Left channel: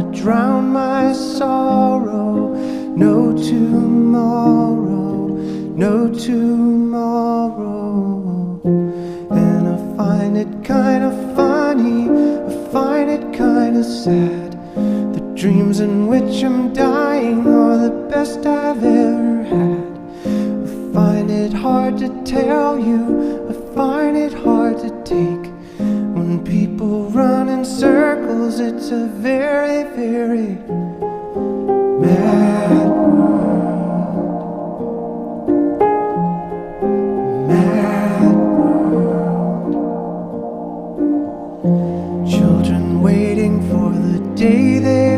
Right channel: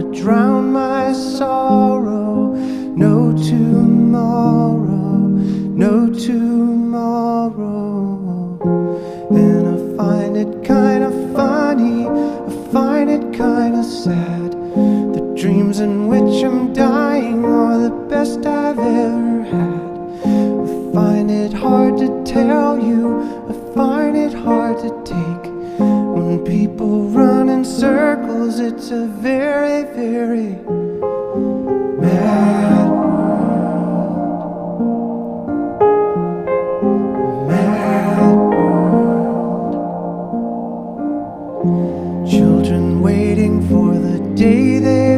wanna drown my sorrow. No tomorrow, no tomorrow. And I find it kinda funny, I find it kinda sad. The dreams in which I'm dying are the best I've ever had. I find it hard to tell you, I find it hard to take. When people run in circles, it's a very, very mad world. Mad world. Children waiting for the day they